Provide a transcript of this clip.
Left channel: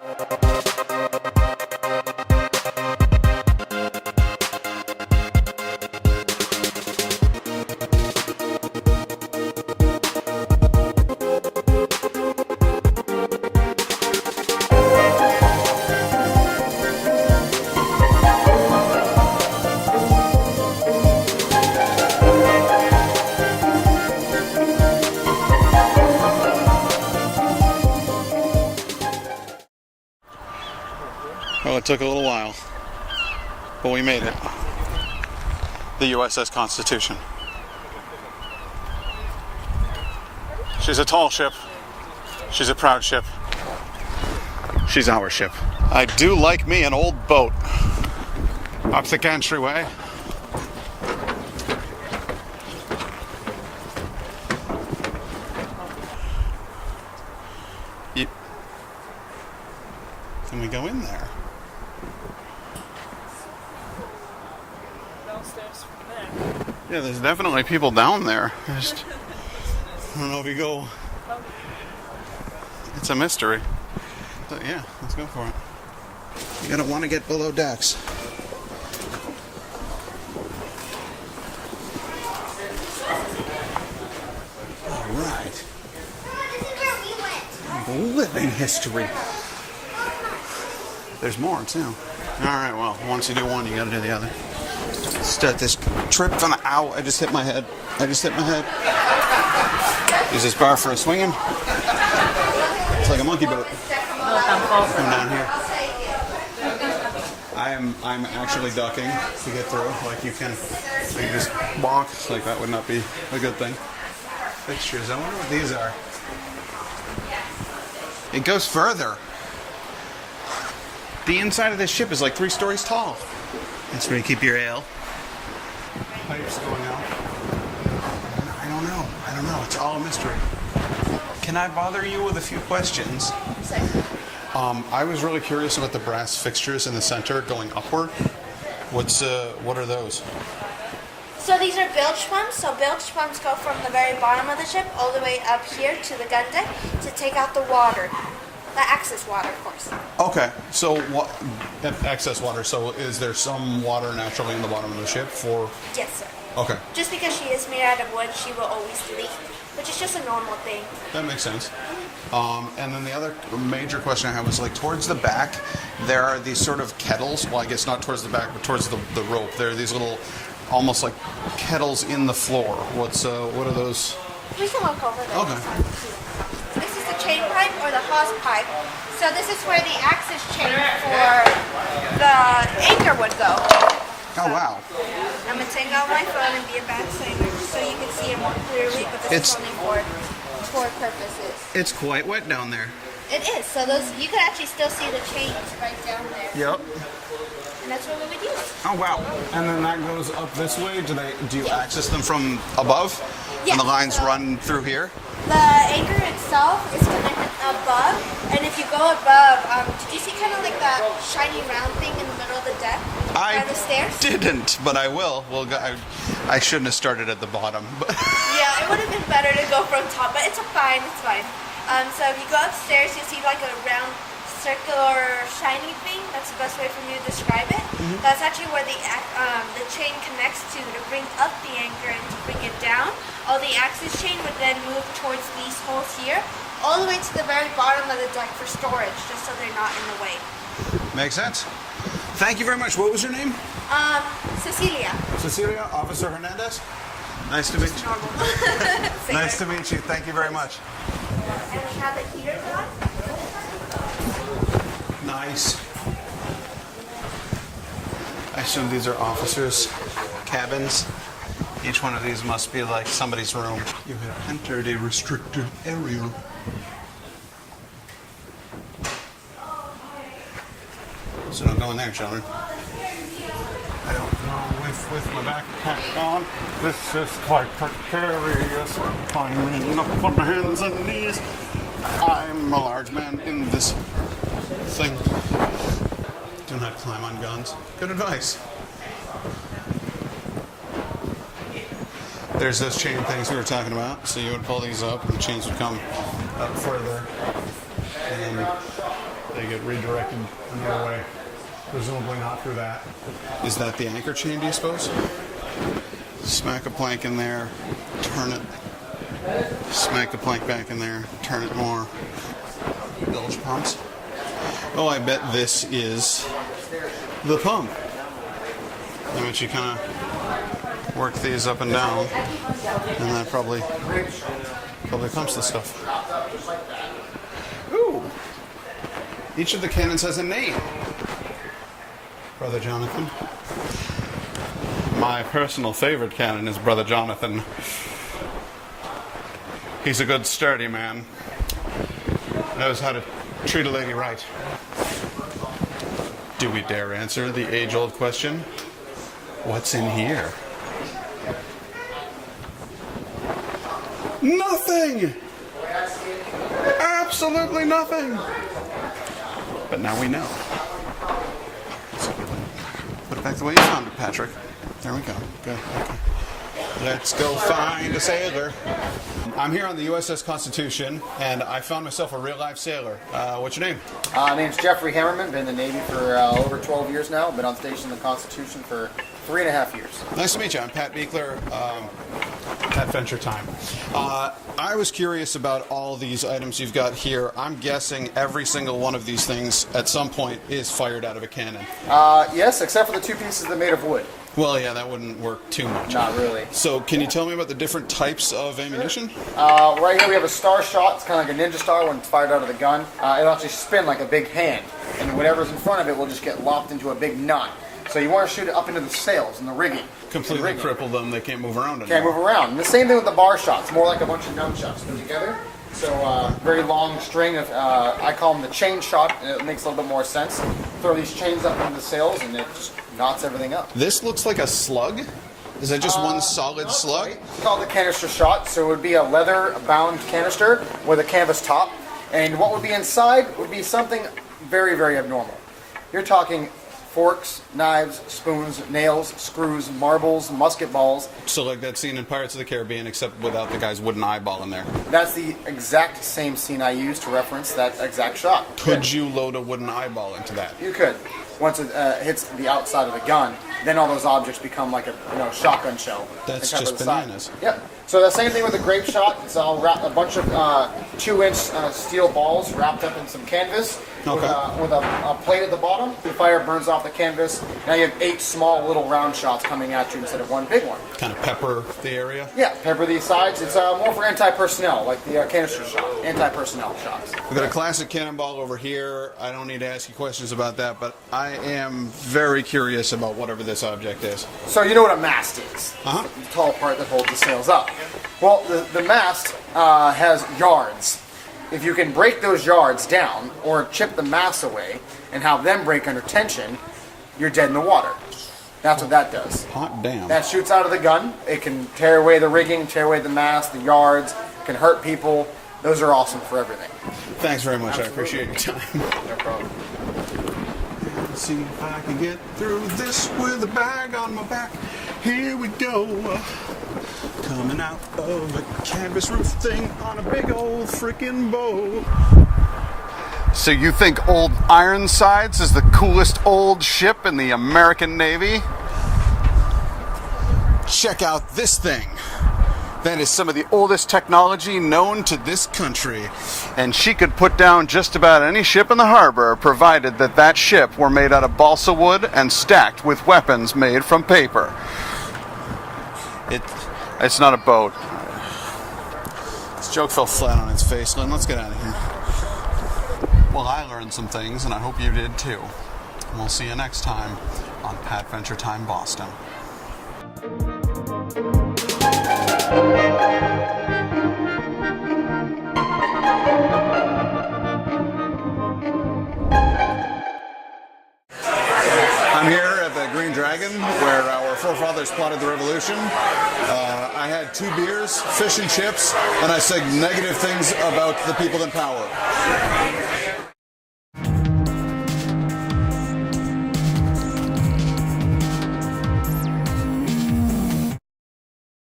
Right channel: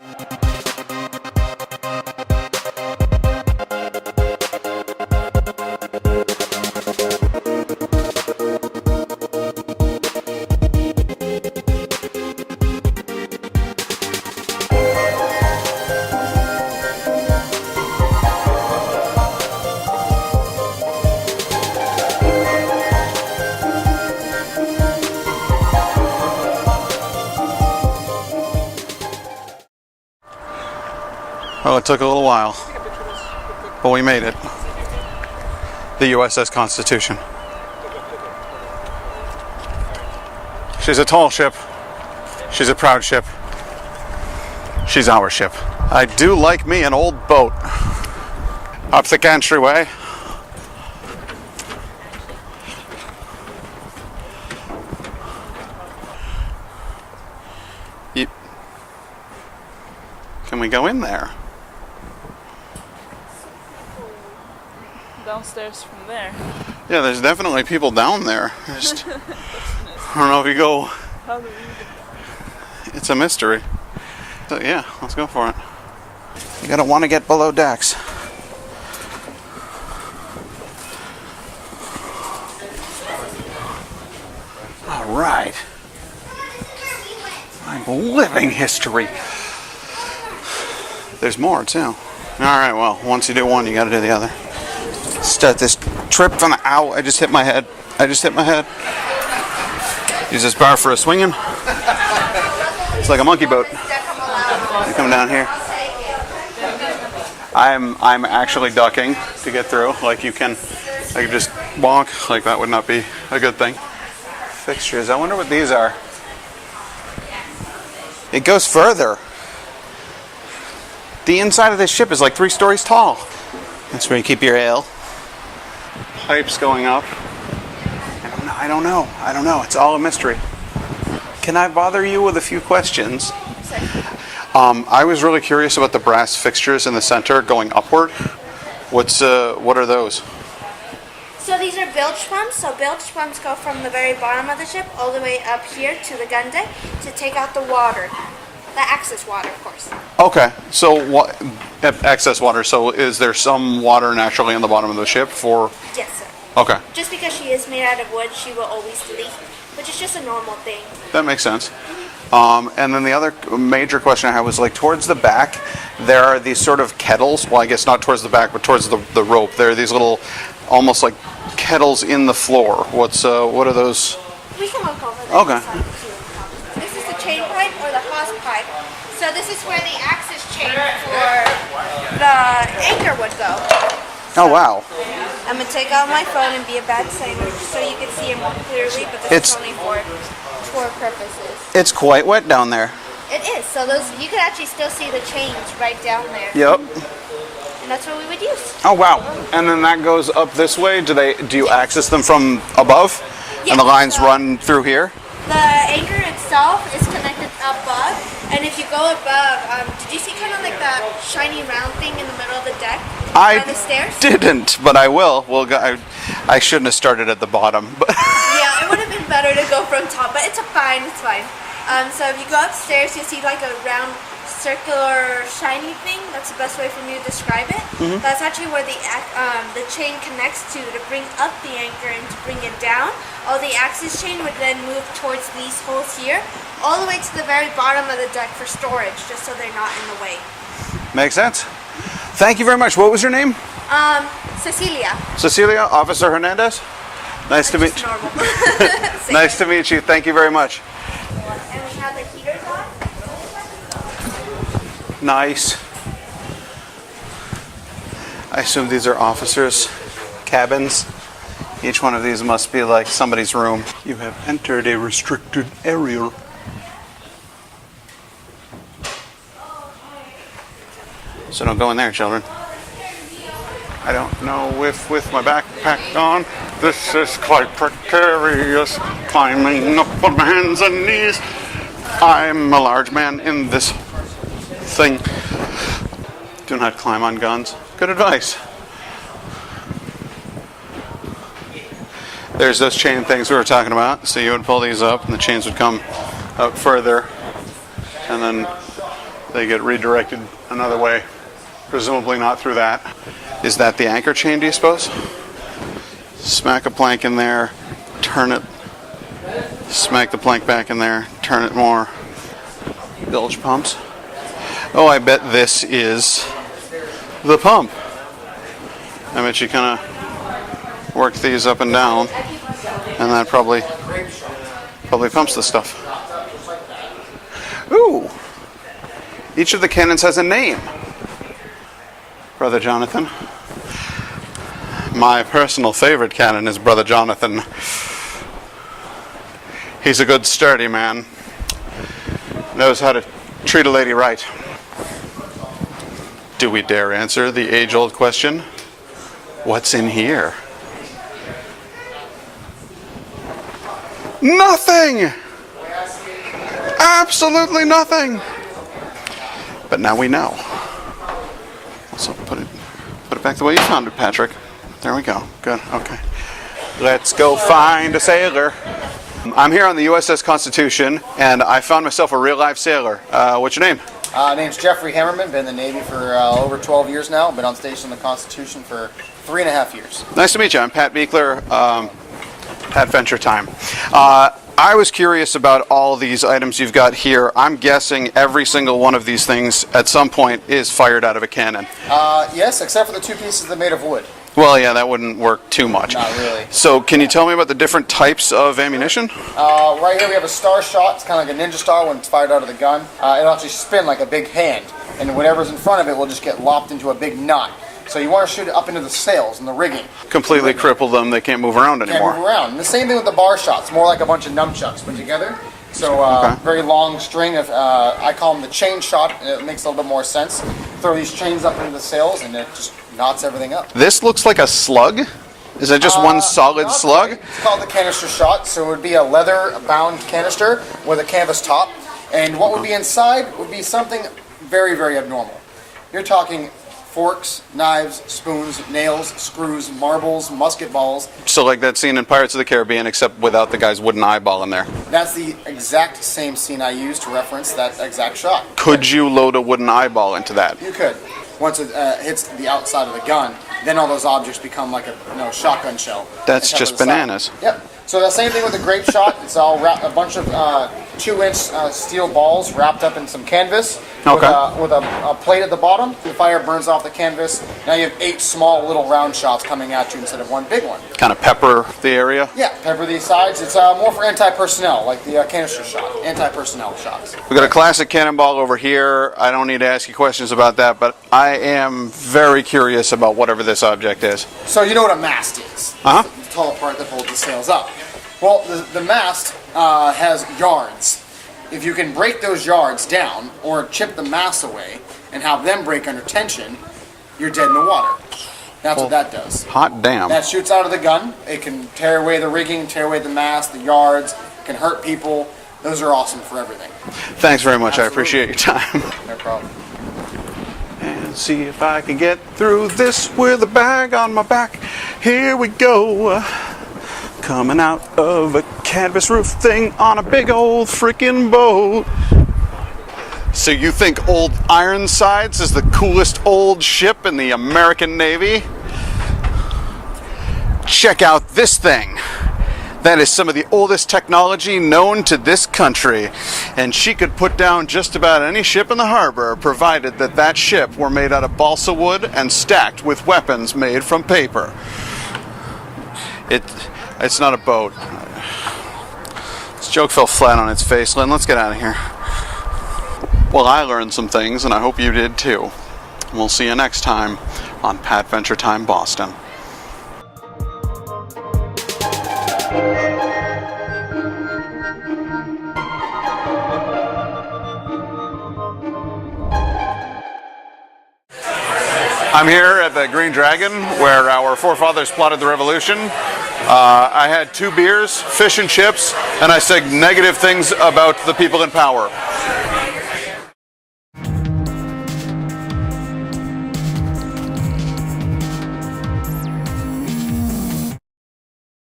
Oh, it took a little while, but we made it. The USS Constitution. She's a tall ship. She's a proud ship. She's our ship. I do like me an old boat. Up the entryway. Can we go in there? Downstairs from there. Yeah, there's definitely people down there. I don't know if you go. It's a mystery. So, yeah, let's go for it. You gotta want to get below decks. All right. Living history. There's more too. All right. Well, once you do one, you got to do the other. Start this trip from the ow. I just hit my head. Use this bar for a swinging. It's like a monkey boat. You come down here. I'm actually ducking to get through. Like I can just walk. Like that would not be a good thing. Fixtures. I wonder what these are. It goes further. The inside of this ship is like 3 stories tall. That's where you keep your ale. Pipes going up. I don't know. It's all a mystery. Can I bother you with a few questions? I was really curious about the brass fixtures in the center going upward. What are those? So these are bilge pumps. So bilge pumps go from the very bottom of the ship all the way up here to the gun deck to take out the water. The excess water, of course. Okay, so what? Excess water. So is there some water naturally in the bottom of the ship for? Yes, sir. Okay. Just because she is made out of wood, she will always leak, which is just a normal thing. That makes sense. And then the other major question I had was like towards the back, there are these sort of kettles. Well, I guess not towards the back, but towards the rope. There are these little, almost like kettles in the floor. What are those? We can look over there. Okay. This is the chain pipe or the hawse pipe. So this is where the axis chain for the anchor would go. Oh, wow. I'm going to take out my phone and be a bad singer so you can see it more clearly, but this is only for tour purposes. It's quite wet down there. It is. So those you can actually still see the chains right down there. Yep. And that's what we would use. Oh, wow. And then that goes up this way? Do you access them from above? Yes. And the lines run through here? The anchor itself is connected above, and if you go above, did you see kind of like that shiny round thing in the middle of the deck? By the stairs? Didn't, but I will. Well, I shouldn't have started at the bottom. But yeah, it would have been better to go from top, but it's fine. So if you go upstairs, you see like a round circular shiny thing. That's the best way for me to describe it. Mm-hmm. That's actually where the chain connects to bring up the anchor and to bring it down. All the axis chain would then move towards these holes here, all the way to the very bottom of the deck for storage, just so they're not in the way. Makes sense. Thank you very much. What was your name? Cecilia. Cecilia, Officer Hernandez. Nice to meet you. Nice to meet you. Thank you very much. And we have the heaters on. Nice. I assume these are officers' cabins. Each one of these must be like somebody's room. You have entered a restricted area. So don't go in there, children. I don't know if with my backpack on, this is quite precarious. Climbing up on my hands and knees. I'm a large man in this thing. Do not climb on guns. Good advice. There's those chain things we were talking about. So you would pull these up and the chains would come out further. And then they get redirected another way. Presumably not through that. Is that the anchor chain, do you suppose? Smack a plank in there, turn it, smack the plank back in there, turn it more. Bilge pumps. Oh, I bet this is the pump. I bet you kind of work these up and down, and that probably pumps the stuff. Ooh! Each of the cannons has a name. Brother Jonathan. My personal favorite cannon is Brother Jonathan. He's a good, sturdy man. Knows how to treat a lady right. Do we dare answer the age-old question? What's in here? Nothing! Absolutely nothing! But now we know. So put it back the way you found it, Patrick. There we go. Good. Okay. Let's go find a sailor. I'm here on the USS Constitution, and I found myself a real-life sailor. What's your name? Name's Jeffrey Hammerman. Been in the Navy for over 12 years now. Been on station in the Constitution for 3.5 years. Nice to meet you. I'm Pat Beekler. Patventure time. I was curious about all these items you've got here. I'm guessing every single one of these things at some point is fired out of a cannon. Yes, except for the two pieces that are made of wood. Well, yeah, that wouldn't work too much. Not really. So can you tell me about the different types of ammunition? Right here we have a star shot. It's kind of like a ninja star when it's fired out of the gun. It'll actually spin like a big hand, and whatever's in front of it will just get lopped into a big knot. So you want to shoot it up into the sails and the rigging. Completely cripple them. They can't move around anymore. Can't move around. And the same thing with the bar shots. More like a bunch of nunchucks put together. So very long string of, I call them the chain shot, and it makes a little bit more sense. Throw these chains up into the sails, and it just knots everything up. This looks like a slug. Is that just one solid slug? Quite. It's called the canister shot. So it would be a leather-bound canister with a canvas top. And what would be inside would be something very, very abnormal. You're talking forks, knives, spoons, nails, screws, marbles, musket balls. So like that scene in Pirates of the Caribbean, except without the guy's wooden eyeball in there. That's the exact same scene I used to reference that exact shot. Could you load a wooden eyeball into that? You could. Once it hits the outside of the gun, then all those objects become like a shotgun shell. That's just bananas. Yep. So the same thing with the grape shot. It's all a bunch of 2-inch steel balls wrapped up in some canvas with a plate at the bottom. The fire burns off the canvas. Now you have 8 small little round shots coming at you instead of one big one. Kind of pepper the area? Yeah, pepper these sides. It's more for anti-personnel, like the canister shot, anti-personnel shots. We've got a classic cannonball over here. I don't need to ask you questions about that, but I am very curious about whatever this object is. So you know what a mast is? Uh-huh. The tall part that holds the sails up. Well, the mast has yards. If you can break those yards down or chip the mast away and have them break under tension, you're dead in the water. That's what that does. Hot damn. That shoots out of the gun. It can tear away the rigging, tear away the mast, the yards, can hurt people. Those are awesome for everything. Thanks very much. Absolutely. I appreciate your time. No problem. And see if I can get through this with a bag on my back. Here we go. Coming out of a canvas roof thing on a big old freaking boat. So you think old Ironsides is the coolest old ship in the American Navy? Check out this thing. That is some of the oldest technology known to this country. And she could put down just about any ship in the harbor, provided that that ship were made out of balsa wood and stacked with weapons made from paper. It's not a boat. This joke fell flat on its face. Lynn, let's get out of here. Well, I learned some things, and I hope you did too. We'll see you next time on Patventure Time Boston. I'm here at the Green Dragon, where our forefathers plotted the revolution. I had 2 beers, fish and chips, and I said negative things about the people in power.